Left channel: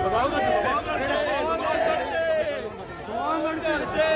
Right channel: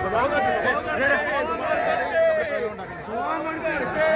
ಸವಾಲ್ ಮಾಡಿದ್ದೆ ಸವಾಲ್ ಮಾಡಿದ್ದೆ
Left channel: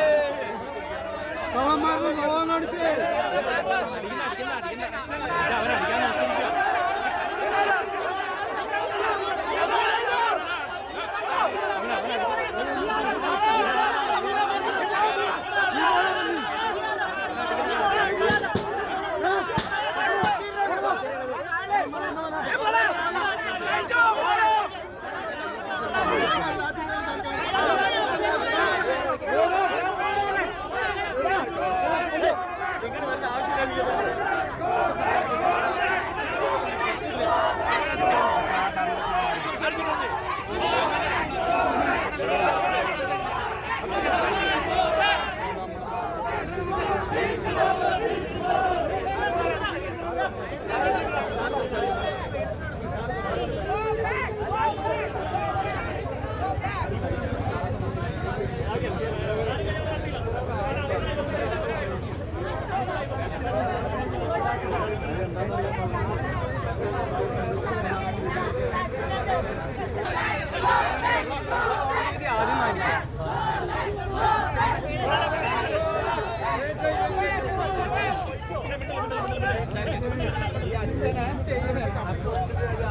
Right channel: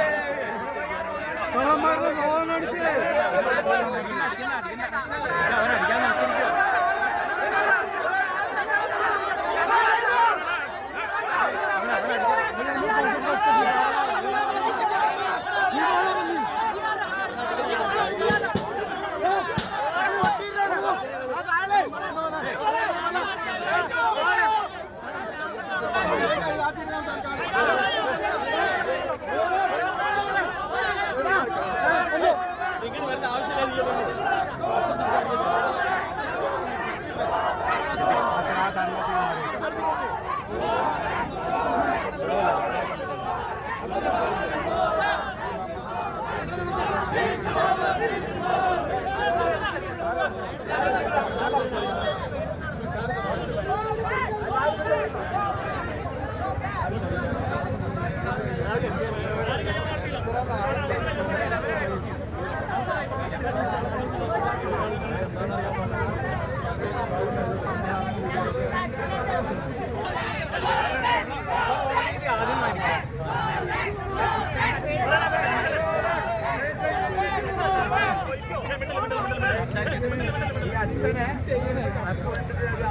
അച്ഛനെ ചെയ്യുന്ന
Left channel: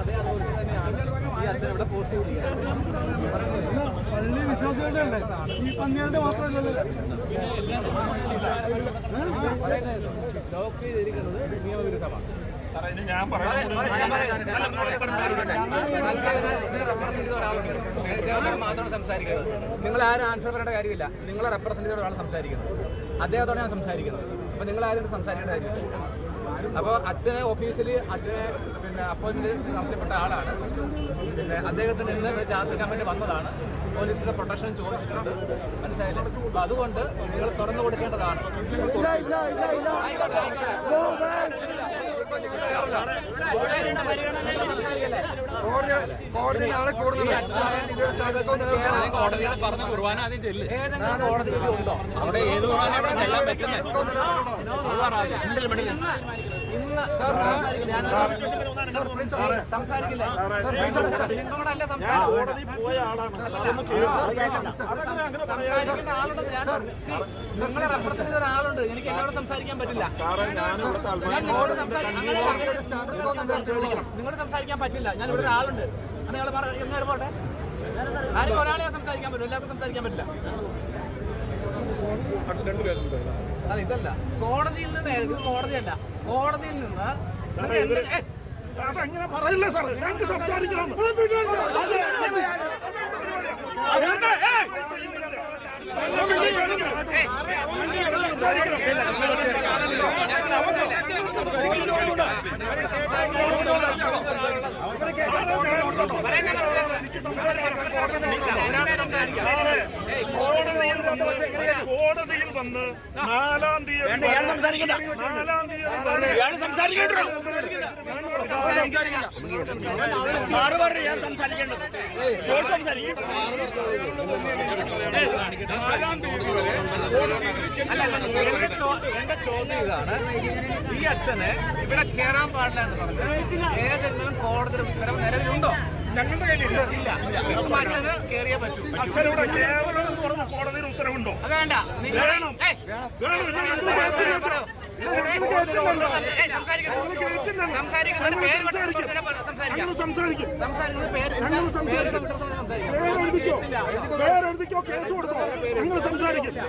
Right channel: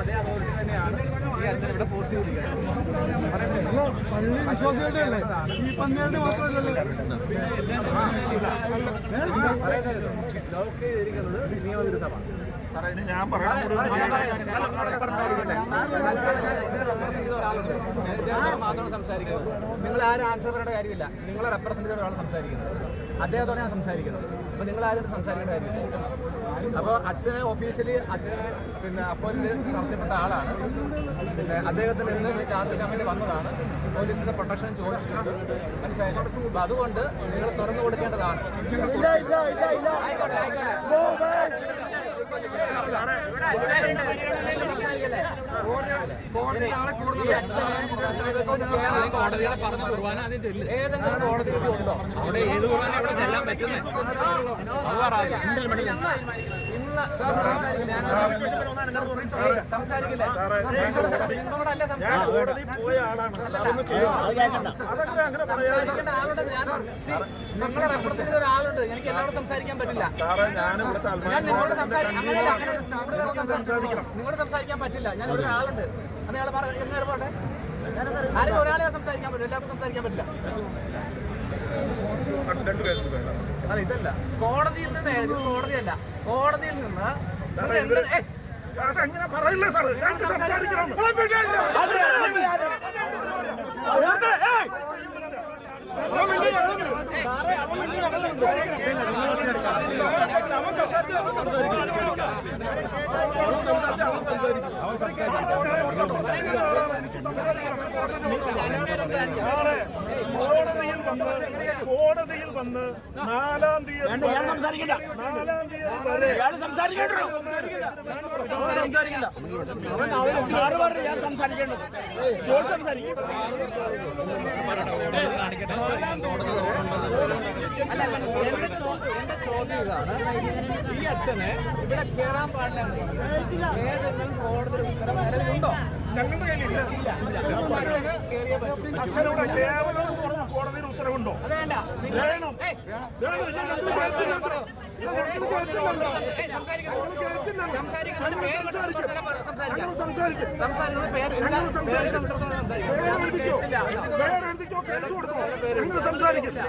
അതേ അതോറിറ്റി തന്നെയാണ് ഈ അച്ഛൻ ഇവിടെ പോസ്റ്റ് ചെയ്തിരിക്കുന്നത്. പറയുന്നത് പള്ളി വിശ്വാസികളുടെ അല്ലേ ഈ പന്നിയുടെ മാത്രമല്ലല്ലോ. പറയുന്നത് ലോക്ക് ചെയ്തിരിക്കുന്നത് നിയമവിരുദ്ധമാണ്. ഞാൻ പറയുന്നത് മാത്രമാണ് സംസാരിക്കുന്നത്. നിങ്ങൾ ആരും ആൻസർ പറയേണ്ട കാര്യമില്ല. നിങ്ങളെ റെപ്രസെന്റ് ചെയ്ത ഒരാളാണ് സംസാരിക്കുന്നത്. അദ്ദേഹത്തോടെ ഞാൻ സംസാരിക്കുന്നത്. അപ്പൊ നിങ്ങൾ ആരും സംസാരിക്കേണ്ട കാര്യമില്ല. അപ്പോൾ അച്ഛനെ ഓഫീസിൽ അച്ഛനെ പിന്നെ അപ്പോയിൻമെന്റ് നടത്തിപ്പെട്ട ആളാണ്. പിന്നെ അദ്ദേഹത്തിന് ഇന്ന് ഇവിടെ ചാർജ് വേണ്ടി വന്നതാണ്. പോലീസിന്റെ പ്രൊട്ടക്ഷൻ ചോദിച്ചിട്ടുണ്ട്. മനസ്സിലായില്ല? അപ്പൊ അതുകൊണ്ട് നിങ്ങൾ തുറന്നു കൊടുക്കേണ്ടതാണ്. ആയിക്കോട്ടെ ആയിക്കോട്ടെ ഈ അച്ഛനെ കോടതികളെ പറഞ്ഞ കുർബാന ആദ്യം ചെല്ല് ഏതെങ്കിലും കോടതി വിധി ഉണ്ടോ? അവിടെ ഏത് കുർബാന ഇവിടെ ചെല്ലാൻ പറ്റുന്നേ ഇന്ന് സംസാരിക്കില്ല. സംസാരിക്കേണ്ട ആളുണ്ട് ഞാൻ. നിങ്ങളെ റെപ്രസെന്റ് ചെയ്ത ഒരാളുണ്ട്. എനിക്ക് എല്ലാവരും സംസാരിക്കാൻ പറ്റില്ല. ഞാൻ നിങ്ങളോട് സംസാരിക്കും അങ്ങനെയല്ല അങ്ങനെ കൂടുതൽ സംസാരിക്കണം. നിങ്ങളോട് സംസാരിക്കാൻ പറ്റില്ല. ഞാൻ ഇവിടെ ഒരാളുണ്ട്. അന്ന് ഞങ്ങൾ പറഞ്ഞു പോട്ടെ? ആരും ഒരാളെ സംസാരിക്കാൻ പറ്റും എല്ലാവർക്കും സംസാരിക്കാൻ പറ്റില്ല. അല്ല ഇതല്ല. കോടതിയിൽ നിന്ന് ഇത് കോടതിയല്ല. കോടതിയിൽ നിന്ന് നിങ്ങൾ എന്ത് ഏയ്, അതങ്ങനെ പറയില്ല സാർ ഞങ്ങൾക്ക് സംസാരിക്കണം. ഒരാൾക്ക് സംസാരിക്കാം ഏയ്, കോടതിയിൽ വന്ന് നാലാം അല്ല എന്റെ എന്റെ ചോദ്യം ഇതാണ് ഈ അച്ഛന് ഇവിടെ കയറാൻ പാടില്ല എന്ന് പറഞ്ഞത് ഏതെങ്കിലും കോടതി ഉത്തരവ് നിലവിലുണ്ടോ? ഞങ്ങളുടെ കയ്യിലില്ല ഇല്ല അപ്പൊ അച്ഛന് കയറിയേ പറ്റൂ അച്ഛനോട് കേവലം കോടതിയിൽ ഉത്തരവുണ്ടോ അത് വേണ്ട നിങ്ങൾ വേണം. ഏയ്, വേണം, ഞങ്ങൾ പറയൂ, പറയൂ, പറയൂ. ഏയ്, സംസാരിക്കരുത്. സംസാരിക്കുന്നതിന് പേര് വിട്ട് സംസാരിക്കാം സംസാരിക്കുന്നത് പേര് കേസ് കൊടുത്തോ കാര്യമില്ല.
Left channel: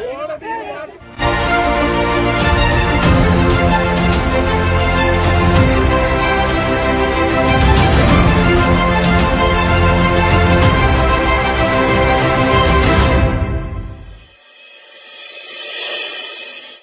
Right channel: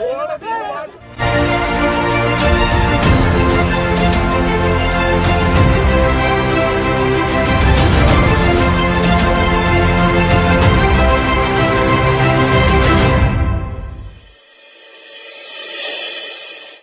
കോടതി